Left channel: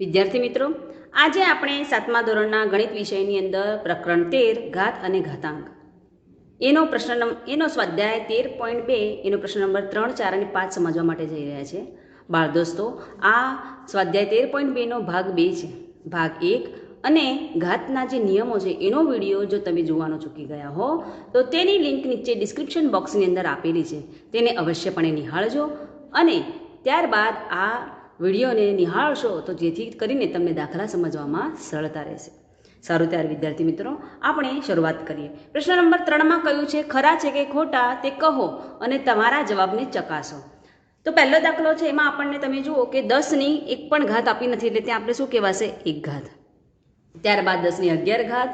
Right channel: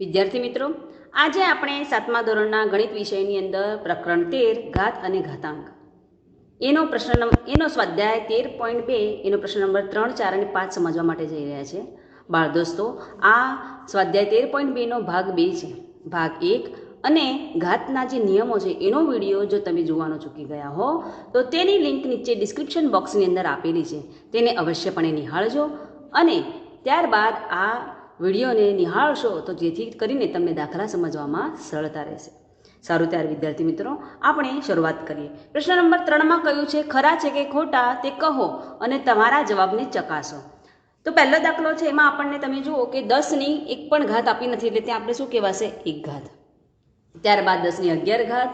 વિદ્યાર્થી મિત્રો, આજે આપણે 7મા ધોરણના ગણિત વિષયની અંદર પ્રકરણ 13 ઘાત અને ઘાતાંક એનો સ્વાધ્યાય 13.2 એનો પ્રશ્ન નંબર 3, 4 અને 5 સમજવા માટે જઈ રહ્યા છે. બાળ દોસ્તો, આ સ્વાધ્યાય 13.2 નો ભાગ 2 છે. ભાગ 1 અને ઘાતના જે નિયમો છે એનો વિડીયો જો તમે જોવાનો ચૂકી ગયા હો તો તેની લિંક નીચે ડિસ્ક્રિપ્શન બોક્સની અંદર આપેલી છે. તેને અવશ્યપણે નિહાળજો અને ત્યારબાદ આ વિડીયોને નિહાળશો તો જેથી કરીને તમને દાખલા સમજવામાં સરળતા રહેશે. સારું, ત્યારે વિદ્યાર્થી મિત્રો, આપણે શરૂઆત કરીએ. પ્રશ્ન નંબર 3માં કહ્યું છે, ખરા છે કે ખોટા તે કહો અને તમારા જવાબને ચકાસો. તો પહેલો દાખલો છે, એમાં આપણને તમે જુઓ કે 10ની એક પણ ઘાત આપી નથી, એટલે ત્યાં આપણે શું કહેવાશે? એક ઘાત. ત્યારબાદ 10ની 11 ઘાત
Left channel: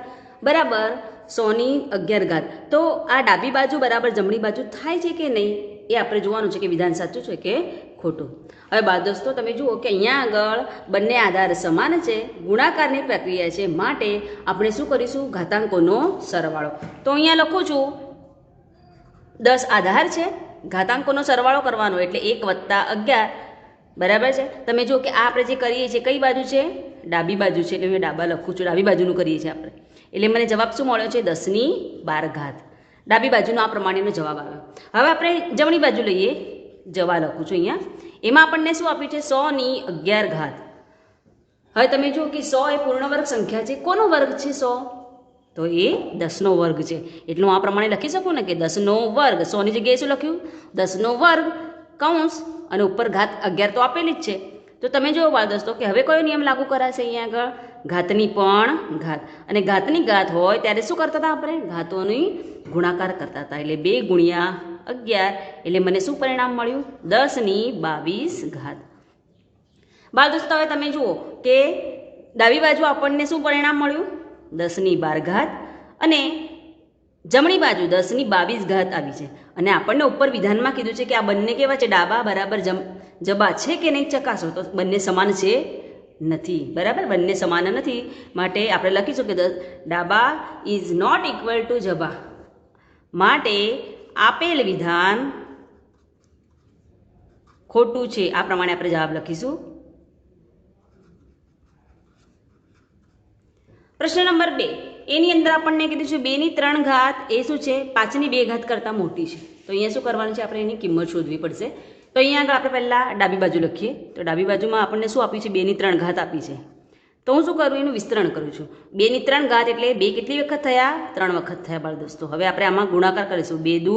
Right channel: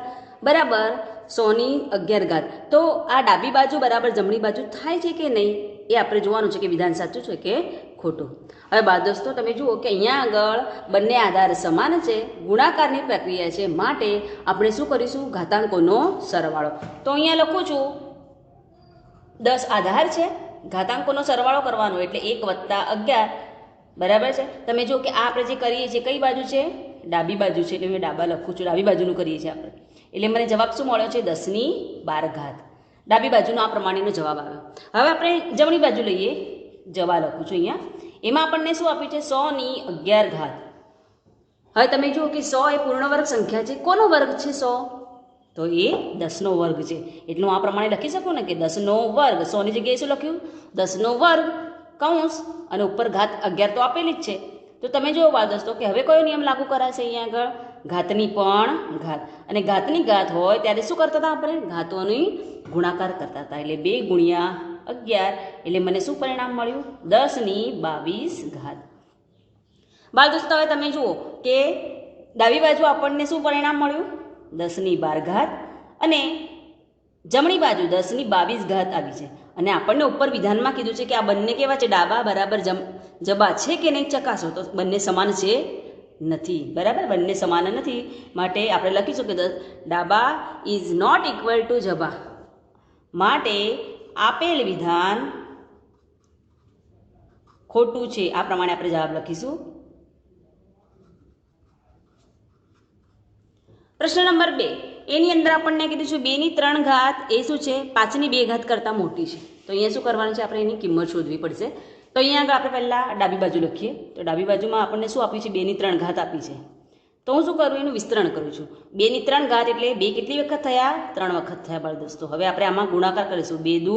બરાબર 100ની 11 ઘાત. તો આ ડાબી બાજુ બરાબર જમણી બાજુ થાય છે કે નહીં એ આપણે જોવાનું છે કે વિધાન સાચું છે કે ખોટું. હવે બાળ દોસ્તો, તમે જુઓ કે અહીંયા આગળ બંને આધાર સમાન છે, ગુણાકારની પ્રક્રિયા છે, માટે આપણે શું કરીશું? ઘાતાંકોનો સરવાળો. તો અહીંયા લખું છું 10 આધાર છે, ઘાતાંકોનો સરવાળો કરવાનો એટલે 1 + 11 બરાબર છે. તમે જુઓ કે આ આપણે જે કરીએ છીએ કઈ બાજુ છે? ડાબી બાજુ છે, એટલે હું ડાબા લખું છું, ડાબી બાજુનું કરીએ છીએ આપણે. એટલે મને જવાબ શું મળ્યો છે? 10ની 12 ઘાત. ડાબી બાજુનો આ પ્રમાણેનો જવાબ આવ્યો. હવે આપણે જમણી બાજુ લઈએ, જવાબ લખું છું અહીંયા. એમાં આપણને શું આપ્યું છે? 100ની 11 ઘાત. હવે તમે જુઓ કે 100 એ પૂર્ણ વર્ગ સંખ્યા છે. કોનો વર્ગ છે 100? તો એ 10નો વર્ગ છે. એટલે હું આ પ્રમાણે લખી શકું ને કે 10નો વર્ગ. 100ની જગ્યાએ શું લખ્યું? 10નો વર્ગ કૌંસ અને ઉપર ઘાત 11 તો આપેલી જ છે. તો તમે જુઓ બાળ દોસ્તો કે હવે કયો નિયમ લાગુ કરાશે? અહીંયા આગળ ઘાતની પણ ઘાત. અને ઘાતની ઘાત હોય ત્યારે શું કરતા હતા આપણે? ઘાતોની ગુણાકાર કરતા હતા. એટલે 2 × 11 એટલે મને શું પરિણામ મળ્યું? 10ની 22 ઘાત. બાળ દોસ્તો, હવે તમે જુઓ કે ડાબી બાજુ આપણને શું પરિણામ મળ્યું? 10ની 12 ઘાત અને જમણી બાજુ 10ની 22 ઘાત આવી છે. અને આપણને ઉપર વિધાનમાં કીધું છે કે આ બંને કેવા છે? ડાબા બરાબર જબા છે કે નહીં ચકાસો. તો બંને સમાન છે? નથી. બરાબર, બંને સમાન નથી, માટે આપણે લખીશું કે ડાબા ઇઝ નોટ ઇક્વલ ટુ જબા. માટે આપેલ વિધાન ખોટું છે. આ પ્રમાણે આપણે જવાબ લખીશું. પ્રશ્ન નંબર 2 એની અંદર આપણને કીધું છે 2ની 3 ઘાત એ શું છે? 5ની 2 ઘાત કરતાં મોટી છે. તો અહીંયા શું કરવાનું છે? આપણે એની કિંમત શોધવી પડશે. તો અહીંયા આગળ આપણે પહેલાં ડાબી બાજુ લખીએ. તો ડાબી બાજુમાં આપણને શું આપ્યું છે? 2ની 3 ઘાત આપી છે. તો હું શું કરું? એનું વિસ્તરણ કરું છું. 2ની 3 ઘાત એટલે 2 કેટલી વખત થયા? 3 વખત થયા બાળ દોસ્તો. હવે આપણે આમાં ગુણાકાર કરીશું. 2 દુ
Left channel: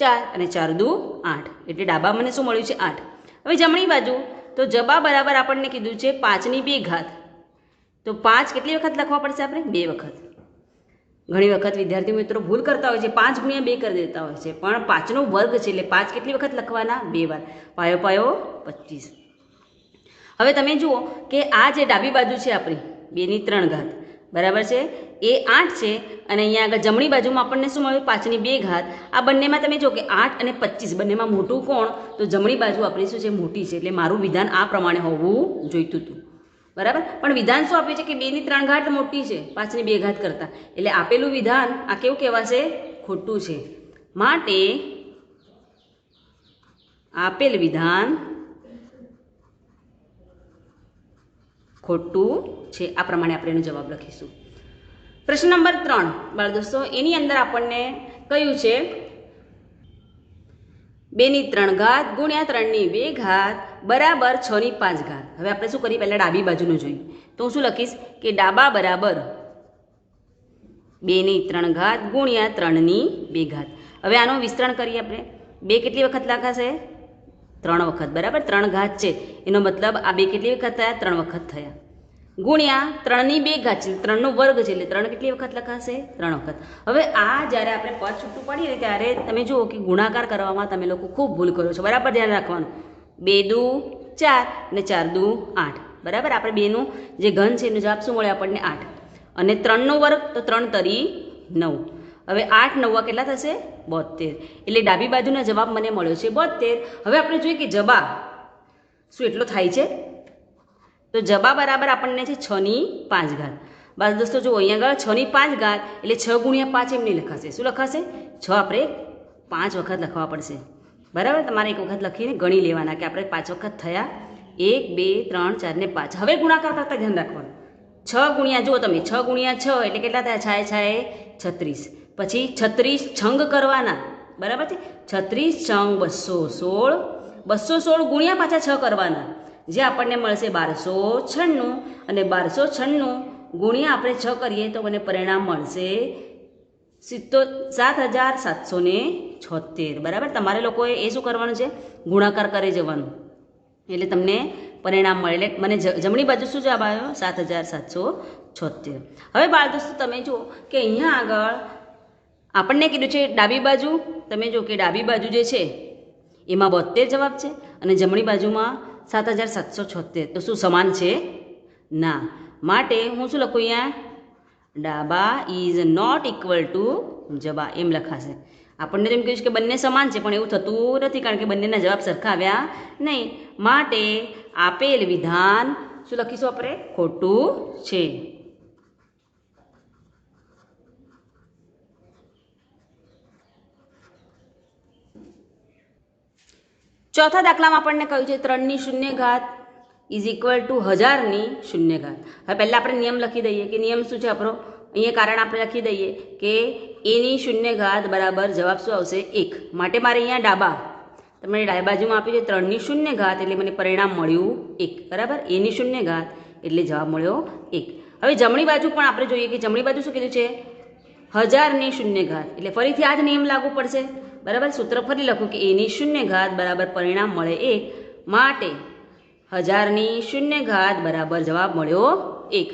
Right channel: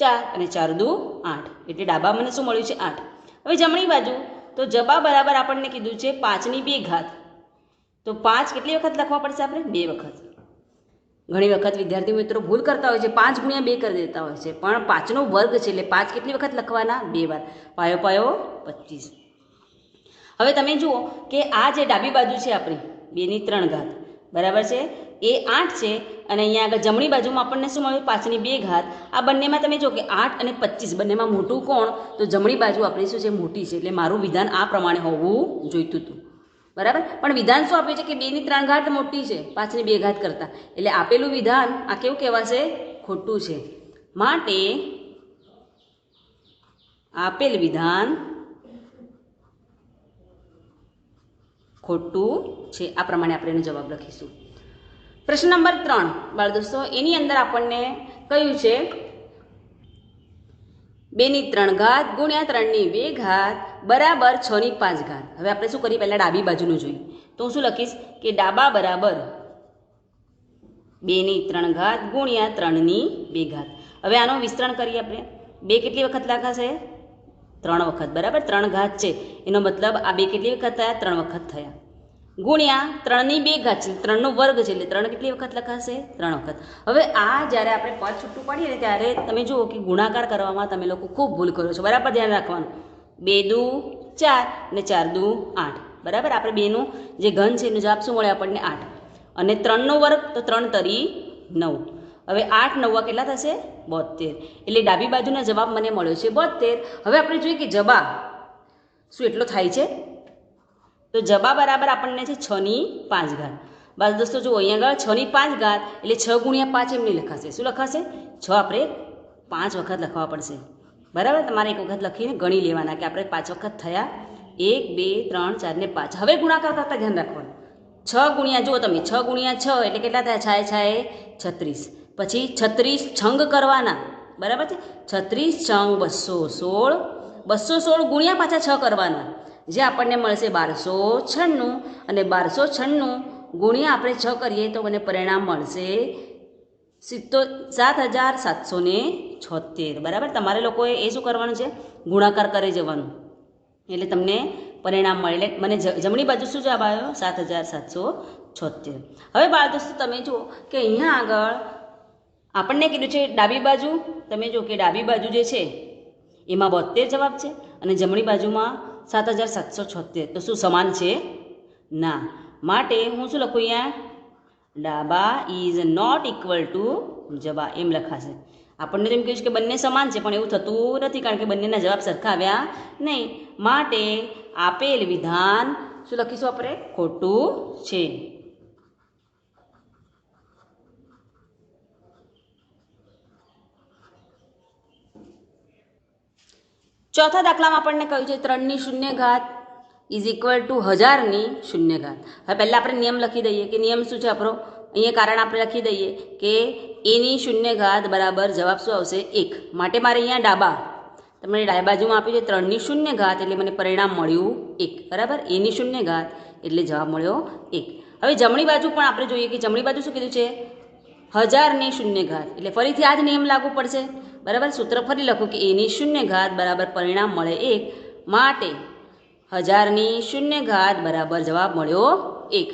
4 અને 4 દુ 8. એટલે ડાબા મને શું મળ્યું છે? 8. હવે જમણી બાજુ તો જબા બરાબર આપણને કીધું છે 5ની 2 ઘાત. તો 5 કેટલી વખત લખવા પડશે? આપણે 2 વખત. ઘણી વખત વિદ્યાર્થી મિત્રો ભૂલ કરતા હોય છે, 5 × 2 કરી દેતા હોય છે, પણ 5નો વર્ગ છે એટલે 5 કેટલી વખત લખવાના? 2 વાર. પાયો પાયો 25. હવે તમે જુઓ કે આ જે ડાબી બાજુ છે આપણી 2ની 3 ઘાત બરાબર છે એ 8 છે. અને અહીંયા આગળ જમણી બાજુમાં આપણને શું મળ્યું? 5ની 2 ઘાત. આ બંનેમાં તમે જુઓ કે 8 અને 25 બંનેમાં મોટું કોણ? તો જમણી બાજુ આપણી શું છે? મોટી છે. એટલે મારું વિધાન આ પ્રમાણે હોવું જોઈતું હતું. બરાબર, પણ વિધાન શું આપ્યું છે કે 2ની 3 ઘાત મોટી છે 5ની 2 ઘાત કરતાં. એટલે આપેલું વિધાન આ કેવું કહેવાશે? ખોટું છે. માટે આપેલ વિધાન ખોટું છે. આ પ્રમાણે આપણે એનો જવાબ લખીશું. પ્રશ્ન નંબર 3 બાળ દોસ્તો, એની અંદર આપણને કયું છે 2ની 3 ઘાત ગુણ્યા 3ની 2 ઘાત બરાબર 6ની 5 ઘાત. હવે આપણે શું કરીએ? પહેલાં ડાબી બાજુનું જોઈએ. તો હું શું લખીશ કે ડાબા બરાબર 2ની 3 ઘાત ગુણ્યા 3ની 2 ઘાત. હવે આનું વિસ્તરણ કરીએ આપણે. 2 કેટલી વખત લખાશે? 3 વખત. બરાબર, 3 ઘાત છે એનો મતલબ આ 2 કેટલી વખત થયા? 3 વખત થયા. ગુણ્યા 3ની 2 ઘાત છે, 3નો વર્ગ છે એટલે 3 કેટલી વખત લખાશે? 3 વખત. હવે આ જ્યારે આપણે પદ છૂટું પાડીએ ને ત્યારે તમે જુઓ કે ગુણાકાર કરવામાં તમે લોકો ખૂબ ભૂલ કરો છો. બરાબર, ધ્યાન રાખવાનું. 2 દુ 4 અને 4 દુ 8. બરાબર, આપણે 2નું જે ઘન છે એનો જવાબ શું મળે આપણને? 8. અને 3નો વર્ગ તો 3 તરી 9. હવે 8 9 કેટલા થશે? 72. એટલે ડાબી બાજુનો જવાબ મને મળ્યો છે 72. હવે આપણે જોઈએ કે જબા શું એટલો થાય છે? તો જબા બરાબર આપણને છે 6ની 5 ઘાત. બસ દોસ્તો જુઓ અહીંયા આગળ 6ની 5 ઘાત એટલે 6 × 5 એમ નહીં લખાશે. શું લખાશે? 6 આપણે 5 વખત લખવા પડશે. બરાબર, તમારે એક વખત લખીને ગણી લેવાના કે આપણે 5 વખત થયા 1 2 3 4 ને 5. હવે ગુણાકાર કરતા ધ્યાન રાખવાનું. 6 ગુણ્યા જુઓ તમે 6 ગુણ્યા 6 એટલે કેટલા થયા? છાએ છાએ 36. પછી 36 છંગ કરવાના, બરાબર છે? 36 છંગ 216. 216 ગુણ્યા પાછા 6 કરવાના, જે આપણને મળશે 1296. અને 1296 ગુણ્યા આપણે 6 કરીએ તો મને પરિણામ મળશે 7776. બરાબર? તમારે લોકોએ એ શું કરવાનું છે? ગુણાકાર કરી જવાનું, એટલે તમને પરિણામ મળે. એટલે મને જમણી બાજુ શું જવાબ આવ્યો? 7776. હવે બાળ દોસ્તો તમે જુઓ કે અહીંયા આગળ આપણને કીધું છે ડાબી બાજુ. તમે જુઓ કે ડાબી બાજુ જે છે એમાં 72 જવાબ છે અને જમણી બાજુમાં 7776. તો શું સમાન છે? ના. માટે હું શું લખું અહીંયા? ડાબા ઇઝ નોટ ઇક્વલ ટુ જબા, એમ લખાશે. આપણને એમ કહ્યું છે કે બંને સમાન છે, પણ એવું થતું નથી, કારણ કે બંનેના જવાબ સરખા આવ્યા નહીં. માટે આપેલ વિધાન શું લખીશું આપણે? ખોટું છે. ચોથા દાખલામાં આપણને કહ્યું છે 3 ની શૂન્ય ઘાત ઇઝ ઇક્વલ ટુ 1000 ની શૂન્ય ઘાત. હવે પહેલાં આપણે નિયમ લખી દઈએ કે નિયમ શું છે આપણો? અહીંયા કારણ આપણે લખી દઈએ કે એની શૂન્ય ઘાત બરાબર જવાબ શું આવશે? 1. માટે મારે અહીંયા ડાબા, તમને ડાબી બાજુમાં આપ્યું છે 3 ની શૂન્ય ઘાત, એટલે મને પરિણામ મળ્યું 1. બરાબર? એની શૂન્ય ઘાત એટલે જવાબ મળ્યો 1. હવે જમણી બાજુ પણ આપણે જોઈએ કે જમણી બાજુ શું કીધું છે? 1000 ની શૂન્ય ઘાત, એટલે ફરીથી આ જ નિયમ લાગુ પડશે. બરાબર? સૂત્ર ફરી લખું કે એની શૂન્ય ઘાત બરાબર પરિણામ મળે 1. માટે 1000 ની શૂન્ય ઘાત બરાબર જવાબ મળ્યો 1.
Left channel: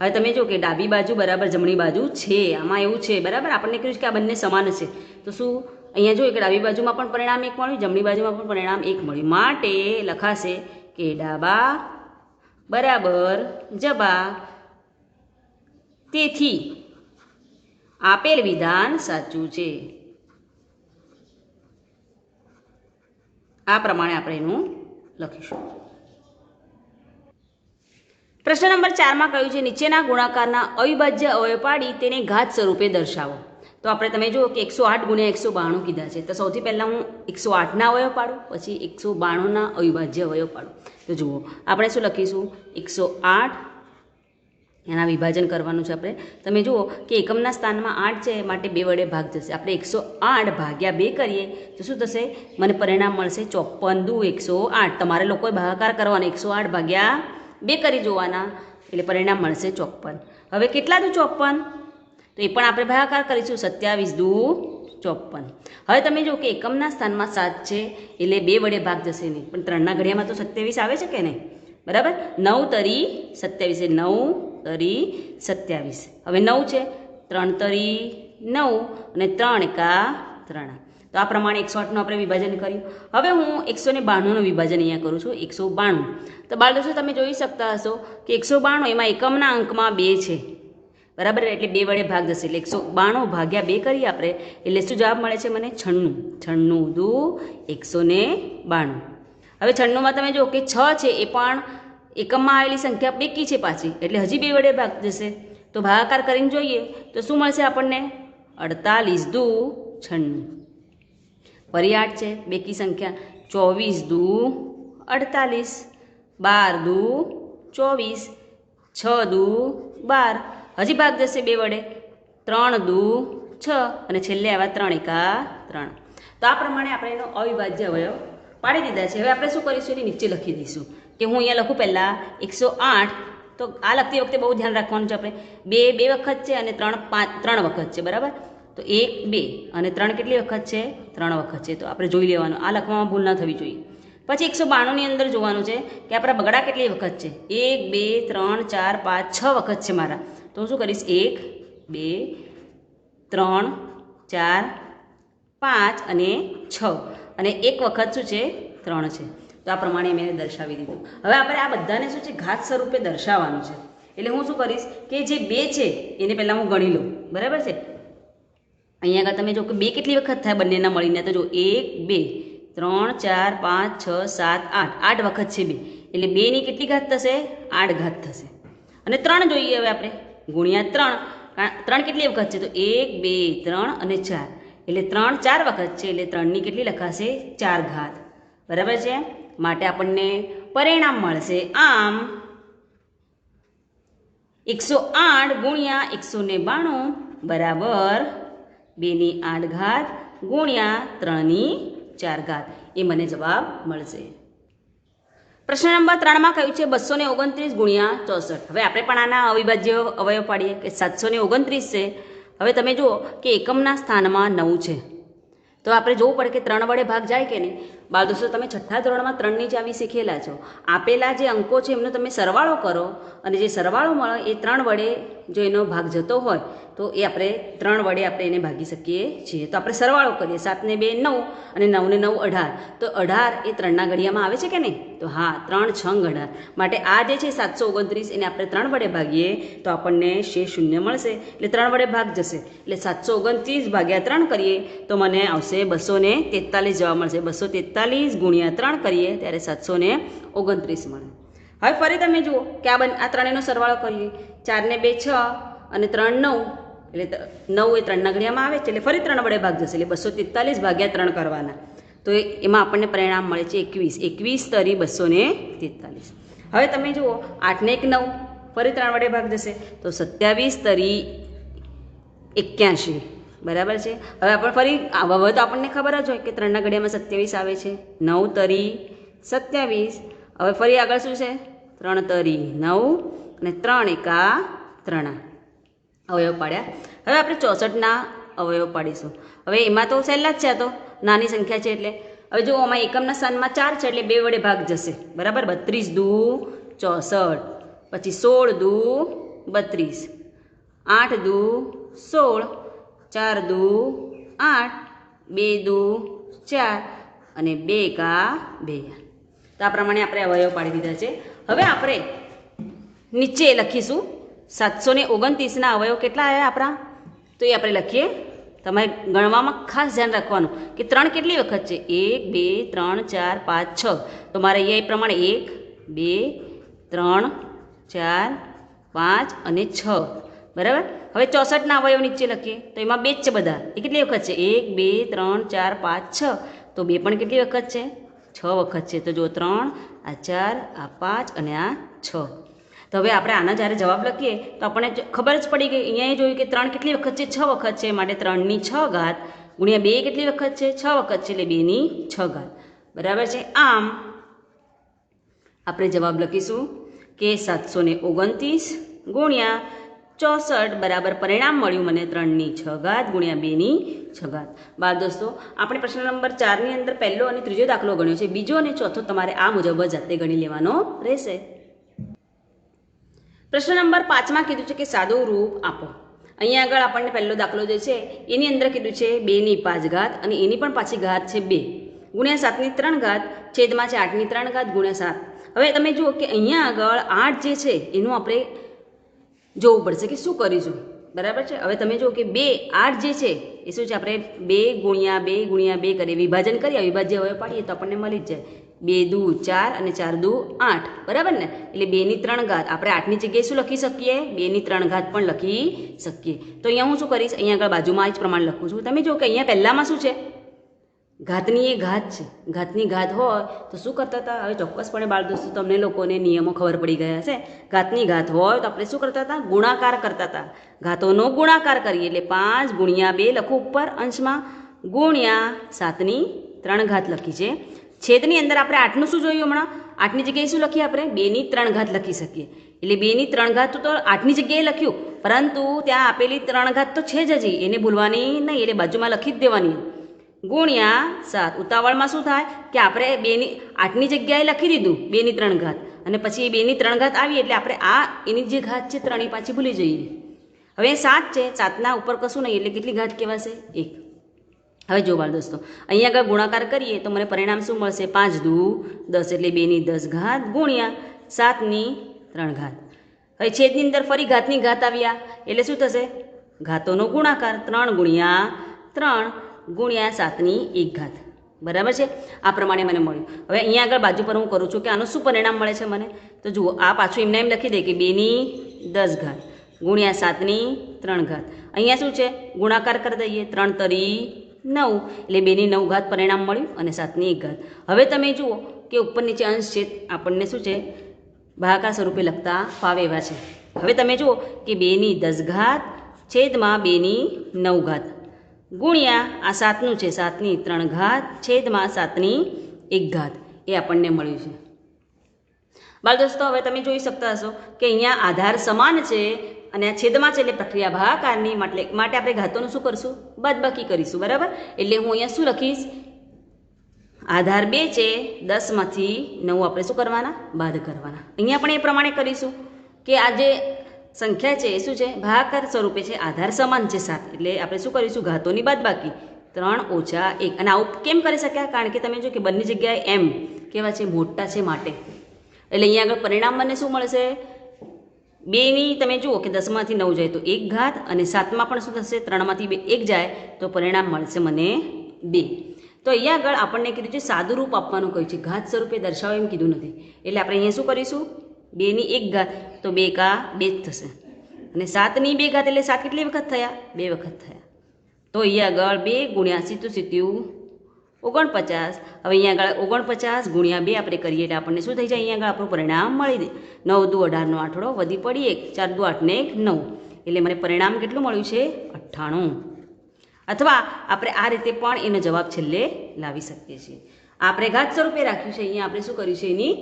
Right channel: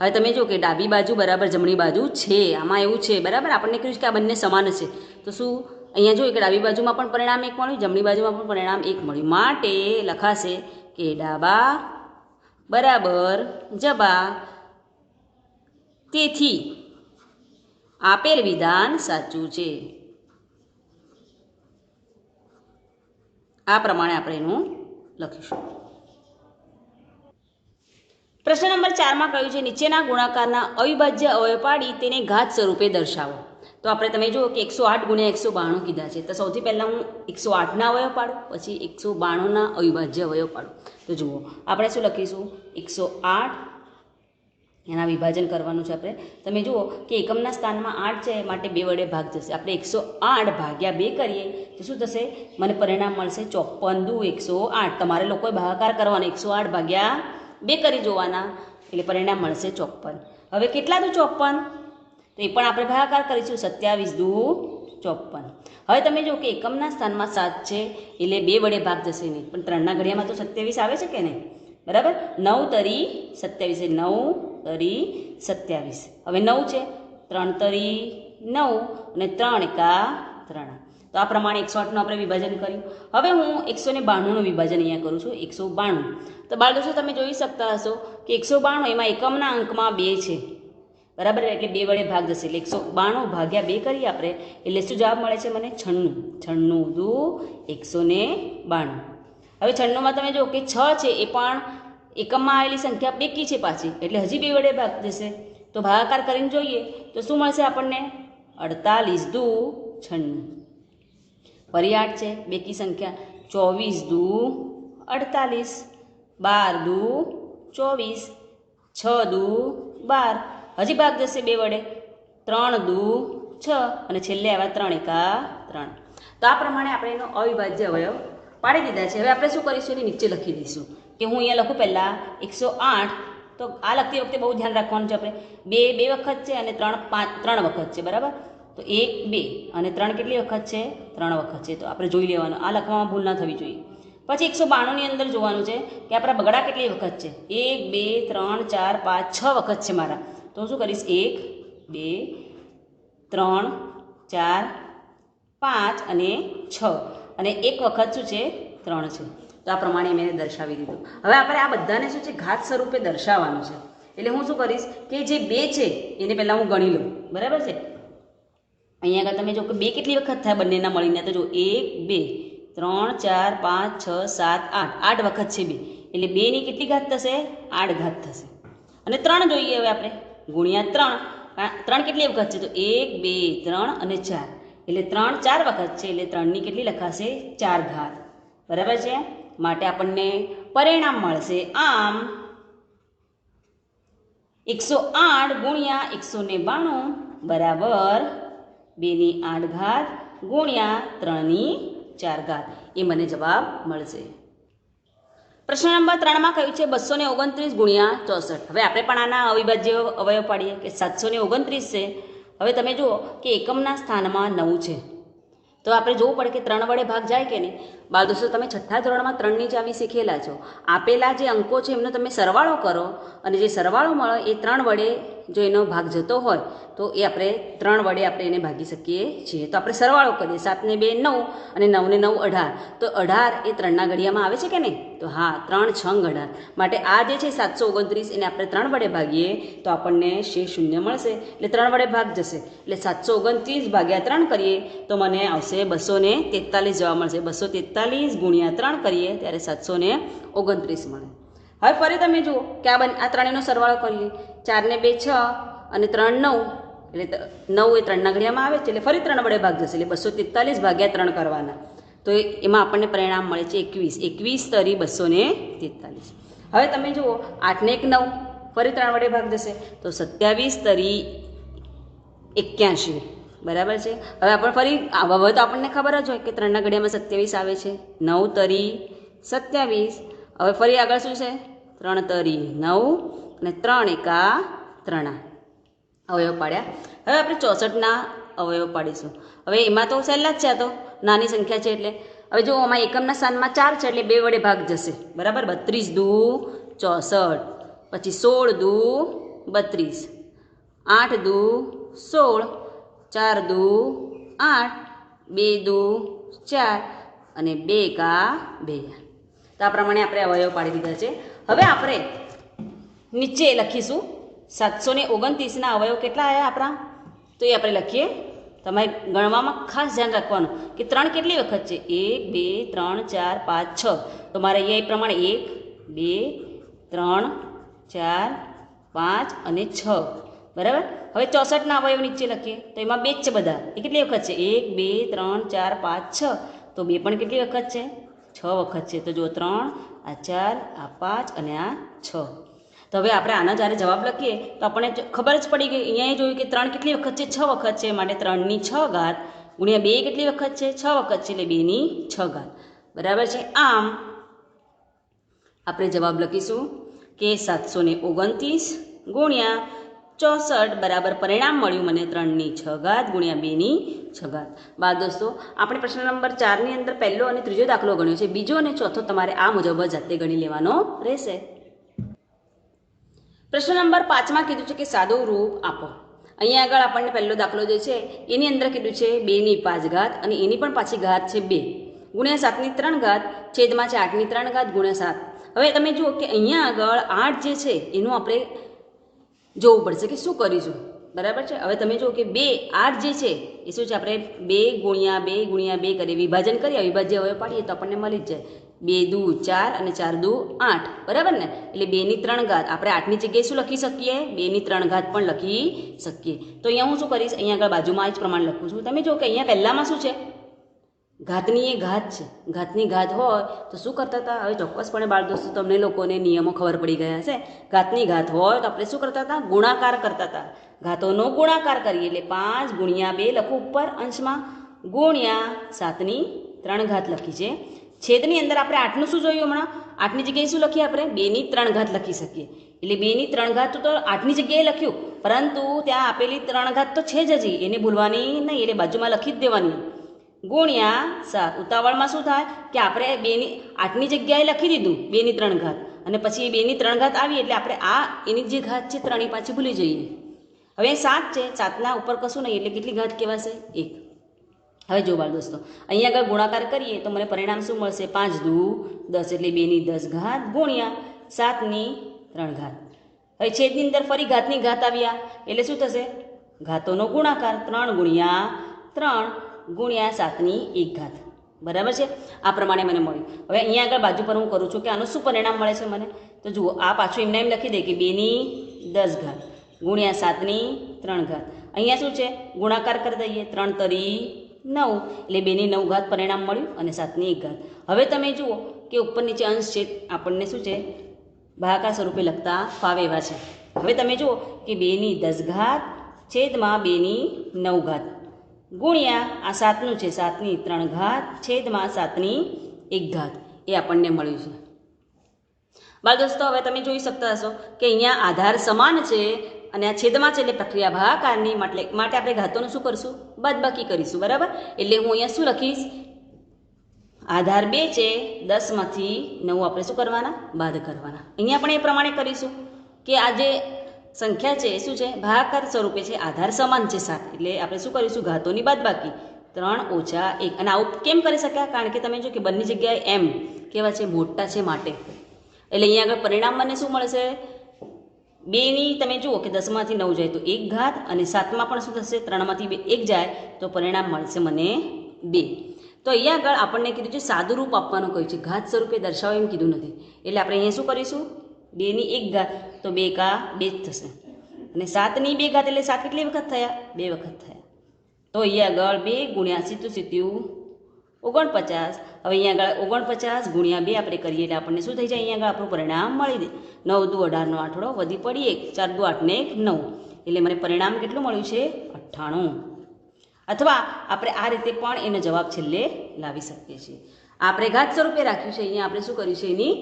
હવે તમે જો કે ડાબી બાજુ બરાબર જમણી બાજુ છે, આમાં એવું છે. બરાબર? આપણને કહ્યું છે કે આ બંને સમાન છે, તો શું અહીંયા જોઈએ કે ડાબી બાજુમાં પણ પરિણામ 1 મળ્યું, જમણી બાજુમાં પણ પરિણામ 1 મળ્યું. માટે લખાશે કે ડાબા બરાબર જબા, તેથી આપેલ વિધાન સાચું છે. આ પ્રમાણે આપણે એનું લખીશું. પ્રશ્ન નંબર 4માં કહ્યું છે નીચેના ગુણાકારના અવિભાજ્ય અવયવ પાડી તેને ઘાત સ્વરૂપે દર્શાવો. તો આપણે તમે જુઓ કે 108 ગુણ્યા 192 કીધા છે, તો સૌથી પહેલાં હું 108ના અવયવ પાડું, પછી 192ના અવિભાજ્ય અવયવ પાડું. તો જુઓ આપણે શું લખીશું? 108 એના વિભાજન કરવાનું છે આપણે. તમે જુઓ કે એકમના સ્થાનમાં 8 છે, માટે 2 વડે ભાગ જશે. આપણે 108 ભાગ્યા 2 કરીએ તો શું થશે? મને પરિણામ મળશે 54 દુ 108. તમારે લોકોએ ભાગાકાર કરવાનો, 108 ભાગ્યા 2 કરી જોવાના, એટલે પરિણામ મળશે 54. હવે કેટલા દુ 54? તો એ પણ આપણે ભાગાકાર કરીશું, 27 દુ 54. હવે તમે જુઓ કે એકમના સ્થાનમાં 7 છે, એટલે 2 વડે ભાગ જશે નહીં, પણ 3ના ઘડિયામાં તો 27 આવે છે કે નહીં? બરાબર? 9 તરી 27, 9 તરી 27. હવે 9 છે, 3 તરી 9 અને 3 એકા 3. તો આ પ્રમાણે 108નું આપણે વિભાજન કર્યું. હવે હું 192નું વિભાજન અહીંયા કરું છું. 192. તો બાળ દોસ્તો તમે જોઈ શકતા હશો કે 192 એમાં એકમના અંકમાં 2 છે. બરાબર? એટલે 2 વડે ભાગ જશે, એટલે 192 ભાગ્યા 2 કરીએ આપણે, એટલે શું જવાબ મળે છે મને? 96. 96 દુ 192. હવે 96માં તમે જુઓ કે 6 છે, એ પણ એકમમાં આવેલી સંખ્યા બેકી છે પાછી, એટલે હજી 2 વડે ભાગ જશે. તો ભાગાકાર કરીને જોઈએ તો શું મળશે આપણને? 48 દુ 96. ફરી 8 છે, બેકી સંખ્યા, 24 દુ 48, 12 દુ 24, 6 દુ 12, હજી ભાગ જશે 2 વડે, 3 દુ 6 અને છેલ્લે આવ્યા 3 એકા 3. તો આ પ્રમાણે આપણે એનો અવિભાજ્ય અવયવ પાડી દીધા છે. હવે આપણે શું કરીશું? એની નીચે લખી દઈશું કે હું અહીંયા લખું પહેલાં 108. તો આ લખતી વખતે બહુ ધ્યાન રાખવાનું છે. આપણે 2 વખત છે અને 3 વખત છે. બરાબર? તો 1 2 અને 3 કેટલી વખત છે? 3 વખત છે. તો આપણે જોઈ લેવાનું, આ લખવામાં ભૂલ ના થવી જોઈએ. પછી 192ની અંદર જોવાનું છે કે આપણા બગડા કેટલી વખત છે? 1 2 3 4 5 6 વખત છે મારા. તો હું શું કરીશ? 1 2 3 4 5 અને 6, અને 1 વખત શું છે? 3 છે. તો આ પ્રમાણે મેં દર્શાવી દીધું. હવે આપણે આ બધાને શું છે? ઘાત સ્વરૂપે દર્શાવવાનું છે. એટલે હું શું કરીશ કે જે 2 છે એને પહેલાં હું ગણી લઉં. બરાબર છે? અહીંયા આગળ તમે જો કે 2 કેટલી વખત થાય બંનેના મળીને? તો જો 1 2 3 4 5 6 7 8, 8 વખત છે 2, એટલે 2ની કેટલી ઘાત થશે? 8 ઘાત થશે. અને 3 જોઈએ હવે આપણે, ગુણ્યા 3 કેટલી વખત છે? તો 1 2 3 અને 4, એટલે 3 4 વખત છે, એટલે 3ની કેટલી લખાશે? 4 ઘાત. બરાબર છે? માટે આપણને પરિણામ મળશે. આમ 108 ગુણ્યા 192 બરાબર 2/8 ગુણ્યા 3/4 એ મને જવાબ મળશે. પ્રશ્ન નંબર 3માં કહ્યું છે 229 ગુણ્યા 64. હવે આપણે પણ આના અવિભાજ્ય અવયવ પાડીએ કે 729 છે. હવે તમે જુઓ કે એકમના સ્થાનમાં 9 છે, તો આપણે જોવું પડે કે 3 વડે ભાગ જાય કે નહીં. બાળ દોસ્તો, તમે છઠ્ઠા ધોરણમાં 3ની ચાવી શીખેલા છો. આપેલા જે અંકો છે એમનો તમે સરવાળો કરો અને જે સરવાળો મળે એ 3 વડે જો એનો ભાગ જતો હોય તો એ આપણે 3 વડે આપણે એને ભાગી શકીએ છીએ. તો આપણે સરવાળો કરીએ. 7 ને 2 9 અને 9 ને 9 18. તો 18 એ 3ના ઘડિયામાં આવે છે કે નહીં? તો હા, 3 6 18. માટે આ જે છે 729 એને આપણે 3 વડે ભાગીએ તો આપણને શેષ શૂન્ય મળશે. એટલે 3 વડે ભાગ જશે. એટલે 729 ભાગ્યા 3 કરીએ તો મને આવશે 243 જવાબ મળશે. 243 ગુણ્યા 3 કરીએ ત્યારે 729 મળે. હવે ફરી તમે જુઓ કે આ ત્રણેયનો સરવાળો કરીએ. 4 ને 2 6 અને 3 9. એટલે 9 એ 3ના ઘડિયામાં આવે છે એટલે ફરી 3 વડે ભાગ જશે. એટલે 243 ભાગ્યા 3 કરવાના. તો એમાં આપણને પરિણામ મળે છે 21. 21 તરી 243. હવે તમે જુઓ 8 ને 1 9 ફરી 3 વડે ભાગ જશે તો 27 તરી 81 બરાબર છે. હવે આપણે ફરી હવે તો આપણને ખબર જ હોય કે 3ના ઘડિયામાં 27 આવે છે. 9 તરી 27. હવે ફરી આગળ શું છે? 3 તરી 9 અને 3 એકા 3 અવયવ પાડ્યા. હવે આપણે 64ના અવયવ પાડીશું. હવે એમાં તો સહેલા જ છે, તો નાની સંખ્યા છે એટલે. હવે જો આમાં એકમના સ્થાનમાં 4 છે એટલે 2 વડે ભાગ જશે બરાબર. 32 દુ 64, પછી 16 દુ 32, 8 દુ 16, 4 દુ 8, 2 દુ 4 અને 2 એકા 2. તો આ પ્રમાણે આપણે અવયવ પાડી દીધા છે. હવે આપણે નીચે લખીશું 729ના અવયવ કેટલા આવ્યા આપણા, તો એ આપણે લખીએ. તમારે ગણવામાં ખાસ ધ્યાન રાખવાનું કે 3 કેટલી વખત છે? 1 2 3 4 5 6. તો મારે અહીંયા એ પ્રમાણે 1 2 3 4 5 અને 6 બરાબર. હવે 64ના અવયવ નીચે લખીએ તો એમાં 2 જ છે બધા. એ કેટલી વખત છે? 1 2 3 4 5 6. તો 2 પણ કેટલી વખત છે? 6 વખત છે. તો જો 3, આ 4, આ 5 અને આ 6. તો હવે આપણે આના જ્યારે જવાબ લખીએ તો આપણને ખબર જ પડી ગઈ. અહીંયા જોયું કે 3 કેટલી વખત છે? 6 વખત છે. માટે 3/6 ગુણ્યા 2 કેટલી વખત છે? 6 વખત છે. એટલે 2/6 બરાબર છે. આમ આપણે જવાબ લખીશું કે 729 ગુણ્યા 64 બરાબર પરિણામ મળ્યું મને 3/6 ગુણ્યા 2/6. બાળ દોસ્તો, આપણે પ્રશ્ન નંબર 4ની અંદર પહેલો અને ત્રીજો દાખલો ગણ્યો છે. બીજો અને ચોથો તમારે આ મુજબ જાતે ગણી લેવાનો રહેશે. પ્રશ્ન નંબર 5માં કીધું છે કે સાદું રૂપ આપો. અહીંયા આગળ આપણને પહેલો દાખલો જે છે એની અંદર કીધું છે 2/5 અને એની પણ પાછી ઘાત છે 2 ગુણ્યા 7/3 છેદમાં છે 8/3 ગુણ્યા 7. હવે તમે જુઓ કે અહીંયા આગળ 8 જે છે એનું આપણે જોવું પડશે કે શું કરીશું બરાબર છે. હવે તમે જુઓ કે 8 જે છે એ શું છે? આપણે 2 ગુણ્યા 2 ગુણ્યા 2 કરીએ, વિભાજન કરીએ, અવિભાજ્ય અવયવ પાડીએ તો આપણને મળી જ જાય. 2 દુ 4 અને 4 દુ 8 બરાબર ને. એટલે 2/3 આપણે 8ની જગ્યાએ શું લખી શકીએ? 2/3 પણ લખી શકીએ. તો અહીંયા હું શું કરીશ? અહીંયા આગળ બાજુમાં જ પ્રમાણ લખું છું. તમે જુઓ કે અહીંયા પહેલામાં શું છે? ઘાતની એ ઘાત છે. ઘાતની ઘાત હોય તો શું કરતા હતા? હવે ચોક્કસપણે બાળ દોસ્તો તમને લોકોને નિયમો ખબર પડી ગયા છે. ઘાતની ઘાત હોય તો આપણે શું કરતા હતા? ગુણાકાર કરતા હતા. ઘાતોનો ગુણાકાર કરીએ એટલે 5 ગુણ્યા 2 લખું ઉપર અંશમાં ગુણ્યા 7/3 લખી છે. છેદની અંદર આપણે 8નું શું જોયું હમણાં? 8ની જગ્યાએ શું લખીએ? આપણે 2/3 લખી શકીએ. એટલે 2/3 તો 8ની જગ્યાએ લખ્યું, પરંતુ ત્યાં આપેલી 3 તો છે જ હજી, એને ભૂલવાની નહીં. એટલે બાજુમાં લખી જ દેવાની. ગુણ્યા 7. ઉતાવળમાં શું થાય કે આપણે 8ની જગ્યાએ લખી દીધું 2/3 અને પછી 2/3 આવી એટલે આપણે આ એની જે ઘાત છે 3 પાછી ભૂલી જઈએ. હવે 7 છે, 7ના ઉપર કશું નહીં એટલે કેટલી ઘાત કહેવાશે? 1. હવે જો બાળ દોસ્તો, અહીંયા આગળ ગુણાકાર કરીએ તો મને પરિણામ શું મળશે? 5 દુ 10 એટલે 2/10 ગુણ્યા 7/3. હવે છેદની અંદર ફરી ઘાતની ઘાત આવ્યા એટલે શું થશે? ઘાતોનો ગુણાકાર 3 ગુણ્યા 3 ગુણ્યા 7/1 બરાબર છે. આ પ્રમાણે મને મળ્યું. હવે અહીંયા આગળ બાજુ પર હું કરું છું કે આનું શું પરિણામ મળે છે મને? તો જુઓ, આ પાછું એમને એમ લખી દે કે 2/10 ગુણ્યા 7/3. અહીંયા શું છે? ગુણાકાર કરી દઈએ. 3 તરી 9 એટલે 2/9 પરિણામ મળ્યું અને 7/1. હવે તમે જુઓ કે ઉપર નીચે અંશ છેદ આપણને શું છે ભાગાકાર સ્વરૂપે લખતા ફાવે એવા છે. હવે તમે જુઓ કે 2 ની 10 ઘાત છેદમાં 2 ની 9 ઘાત ગુણ્યા આ 7નું છે 7 ની 3 ઘાત છેદમાં 7 ની 1 ઘાત એ આપણને મળ્યું છે. બાળ દોસ્તો હવે તમે જોઈ શકતા હશો કે અહીંયા આધાર સમાન છે અને આ છેદમાં છે એટલે પ્રક્રિયા ભાગાકારની માટે આપણે ઘાતોનું શું કરશું બાદબાકી કરીશું. બરાબર, એટલે હું અહીંયા શું લખીશ આધાર 2 છે 10 માંથી 9 આપણે શું કરવાના બાદ કરવાના. અહીંયા પણ એ પ્રમાણે કરીશું કે આ જે સંખ્યા છે એ શું છે ભાગાકાર સ્વરૂપે છે આધાર સમાન છે 7 એટલે આપણે શું કરીશું ઘાતોની બાદબાકી 3 - 1 અને આવું કેમ કરી શક્યા કારણ કે તમે જો કે બંને જગ્યાએ m કેવા છે મોટા છે માટે એટલે અહીંયા આગળ પરિણામ મને શું મળશે 2 ની તમે જુઓ કે 10 માંથી 9 જાય તો 1 ઘાત અને 7માં પણ શું થશે 3 માંથી 1 જાય તો પરિણામ મળશે મને 2. તો અહીંયા આગળ આપણને કીધું છે સાદું રૂપ આપવાનું કહ્યું છે ઘાત સ્વરૂપે દર્શાવો એમ કીધું નથી એટલે આપણે અહીંયા શું કરીશું 2 ની 1 ઘાત તો 2 કા 2 જ થશે અને 7 ની 2 ઘાત એટલે 7 કેટલી વખત થયા 2 વખત થયા તો અહીંયા આગળ 2 ગુણ્યા 7 49. હવે અહીંયા આગળ 49 ગુણ્યા 2 આપણે કરીએ એટલે આપણને શું થઈ જાય અહીંયા આગળ આપણું પરિણામ મળી દે 9 દુ 18 નો આઠડો વધી પડી 1 4 દુ 8 ને 1 9 એટલે મને પરિણામ કેટલું મળ્યું છે 98. અથવા આપણે આ રીતે પણ એનો જવાબ છેલ્લે લાવી શકીએ છીએ. આપણે ઘાત સ્વરૂપે રાખ્યું છે અહીંયા આપણે શું કર્યું છે એની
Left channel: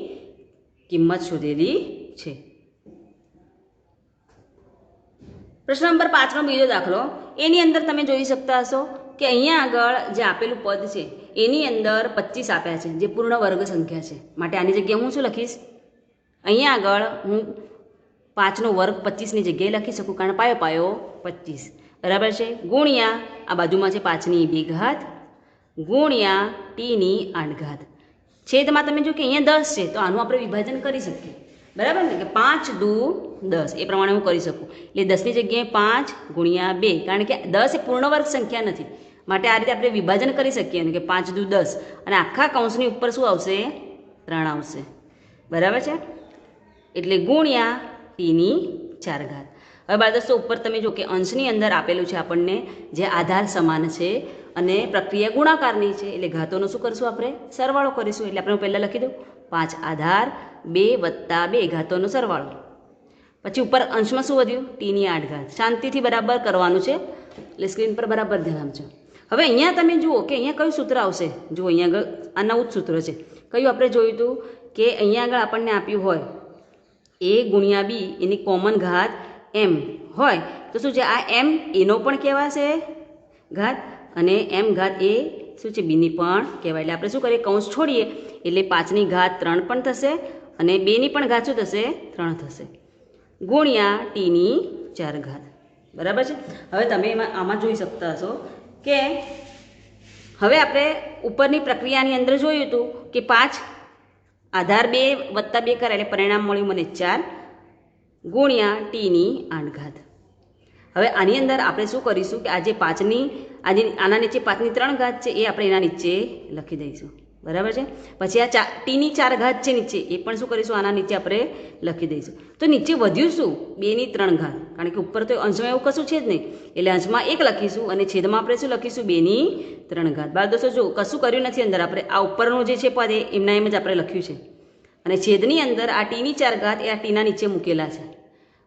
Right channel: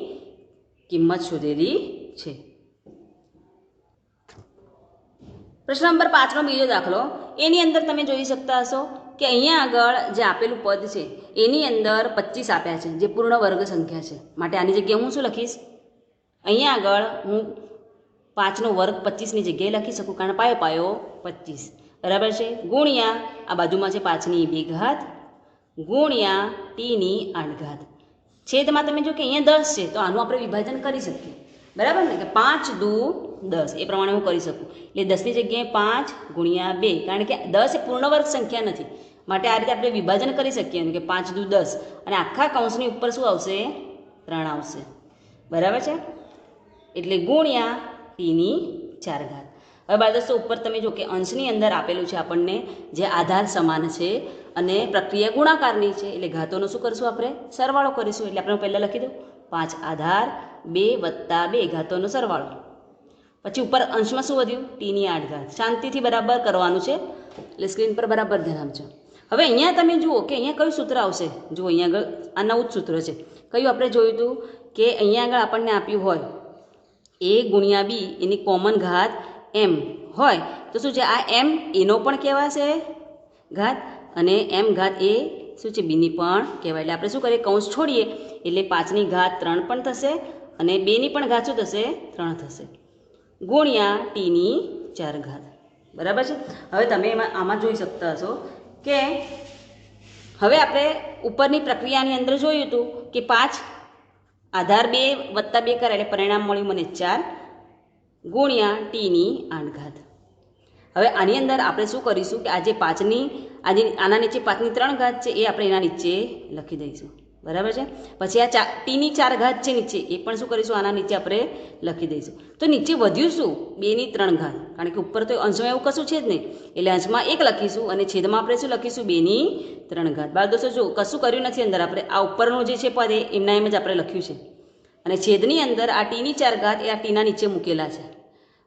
કિંમત શોધેલી છે. પ્રશ્ન નંબર 5નો બીજો દાખલો એની અંદર તમે જોઈ શકતા હશો કે અહીંયા આગળ જે આપેલું પદ છે એની અંદર 25 આપ્યા છે જે પૂર્ણ વર્ગ સંખ્યા છે માટે આની જગ્યાએ હું શું લખીશ અહીંયા આગળ હું 5નો વર્ગ 25ની જગ્યાએ લખી શકું કારણ પાયો પાયો 25 બરાબર છે ગુણ્યા આ બાજુમાં છે 5 ની 2 ઘાત ગુણ્યા t ની 8 ઘાત છેદમાં તમે જો કે અહીંયા 10 છે તો આનું આપણે વિભાજન કરી શકીએ બરાબર ને કે 5 દુ 10 એ પ્રમાણે હું કરી શકું એટલે 10 ની જગ્યાએ 5 ગુણ્યા 2 કારણ કે 10 એ પૂર્ણ વર્ગ સંખ્યા નથી માટે આ રીતે આપણે વિભાજન કરી શકીએ કે 5 દુ 10 અને આખા કૌંસની ઉપર શું આવશે 3 આવશે બરાબર છે એટલે ગુણ્યા t ની 4 ઘાત. હવે બાળ દોસ્તો ઉપર તમે જો કે અંશની અંદર આપેલું છે આપણને જે આધાર સમાન છે અને પ્રક્રિયા ગુણાકારની છે એટલે ઘાતોનો શું કરશું આપણે સરવાળો કરીશું એટલે આપણે પહેલાં લખી દઉં 5 આધાર 2 વત્તા 2 ઘાતોનો સરવાળો પછી ઉપર અંશમાં શું વધ્યું t ની 8 ઘાત શાંતિથી બરાબર કરવાનું છે એટલે સ્ક્રીન પર બરાબર ધ્યાન આપજો. હવે અહીંયા તમે જુઓ કે અહીંયા કયું સૂત્ર આવશે જુઓ અહીંયા આગળ આ નવું જ સૂત્ર છે કયું આપણે જોયું હતું કે અહીંયા આગળ આપણને આપ્યું હોય a ગુણ્યા b એની કોમન ઘાત m હોય તો શું છે આ m એનો પણ કહેવાશે ઘાત અને m ઘાત એ શું છે b ની પણ કહેવાય એટલે આપણે શું કરીએ કૌંસ છોડીએ એટલે 5 ની ઘાત 3 પણ થશે અને 2 ની પણ ઘાત શું થશે 3 થશે ગુણ્યા t ની 4 ઘાત બરાબર છે. હવે તમે આમાં જોઈ શકતા હશો કે હવે આપણે ઉપરની પ્રક્રિયાની અંદર જોયું હતું કે 5 આધાર 2 વત્તા 2 કરે એટલે પરિણામ મળ્યું મને 4 ગુણ્યા t ની 8 ઘાત. હવે આની અંદર આપણે શું કરીશું કે આજે 5ની આજે આના નીચે 5 ની 3 ઘાત છે એ આપણે એના નીચે લખી દઈશું બરાબર છે. પછી આ t ની 4 ઘાત છે નીચે એ પણ શું કરીશું આના નીચે આપણે લખી દઈશું. તો નીચે વધ્યું શું 2 ની 3 ઘાત કારણ કે ઉપર તો અંશમાં એવું કશું છે જ નહીં એટલે અંશમાં 1 લખીશું અને છેદમાં આપણે શું લખીશું 2 ની 3 ઘાત. બાળ દોસ્તો જો કશું કર્યું નથી અંદર આપણે આ ઉપરનું જે છે પદ એમના એમ જ આપણે લખ્યું છે અને છેદની અંદર આ t ની 4 ઘાત એ આ ટીના નીચે મૂકેલા છે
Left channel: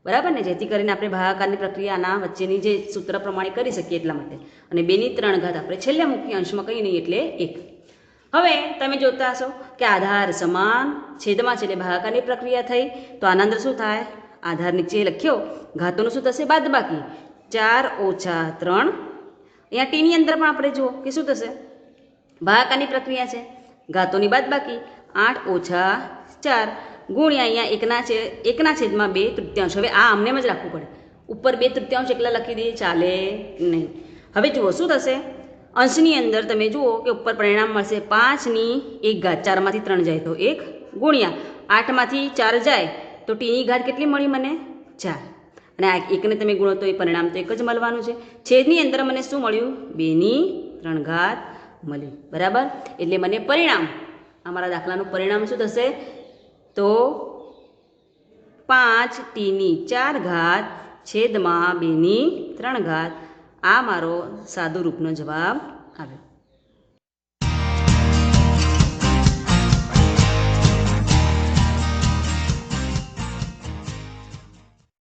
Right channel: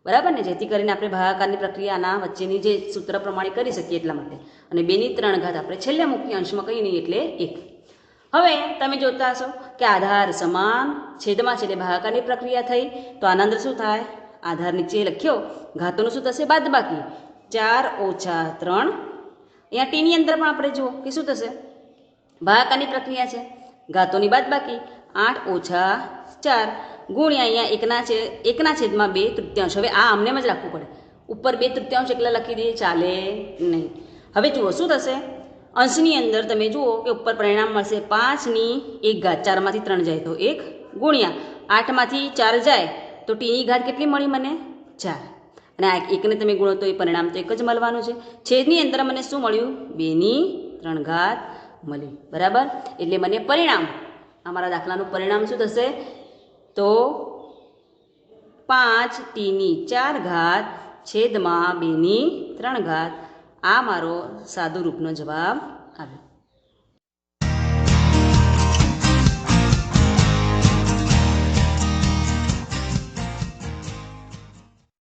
બરાબર ને જેથી કરીને આપણે ભાગાકારની પ્રક્રિયાના વચ્ચેની જે સૂત્ર પ્રમાણે કરી શકીએ એટલા માટે અને 2 ની 3 ઘાત આપણે છેલ્લે મૂકીએ અંશમાં કંઈ નહીં એટલે 1. હવે તમે જોતા હશો કે આધાર સમાન છેદમાં છે એટલે ભાગાકારની પ્રક્રિયા થઈ તો આના અંદર શું થાય આધાર નીચે લખ્યો ઘાતોનું શું થશે બાદબાકી 4 - 3 અહીંયા ટીની અંદર પણ આપણે જુઓ કે શું થશે ભાગાકારની પ્રક્રિયા છે ઘાતોની બાદબાકી 8 - 4 ગુણ્યા અહીંયા એકના છેદમાં 2/3. હવે આ આમને જ રાખવું પડે ઉપર 2/3 એકલા લખી દઈએ ચાલે નહીં. હવે જુઓ શું થશે અંશની અંદર તમે જુઓ કે ઉપર પરિણામ મળશે 5 ની 1 ઘાત 4 માંથી 3 જાય તો 1 ગુણ્યા 8 માંથી 4 જાય તો t ની ઘાત કેટલી મળી મને 4 અને આ એકને તમે ગુણો તો એ પરિણામ તો એક જ મળવાનું છે. છેદની અંદર મને શું મળ્યું 2 ની 3 ઘાત મળી બરાબર એટલે મને પરિણામ અમારા દાખલાનું પરિણામ શું થશે તો 5t ની 4 ઘાત છેદમાં 2 ની 3 ઘાત આ મારો સાદું રૂપનો જવાબ આવ્યો.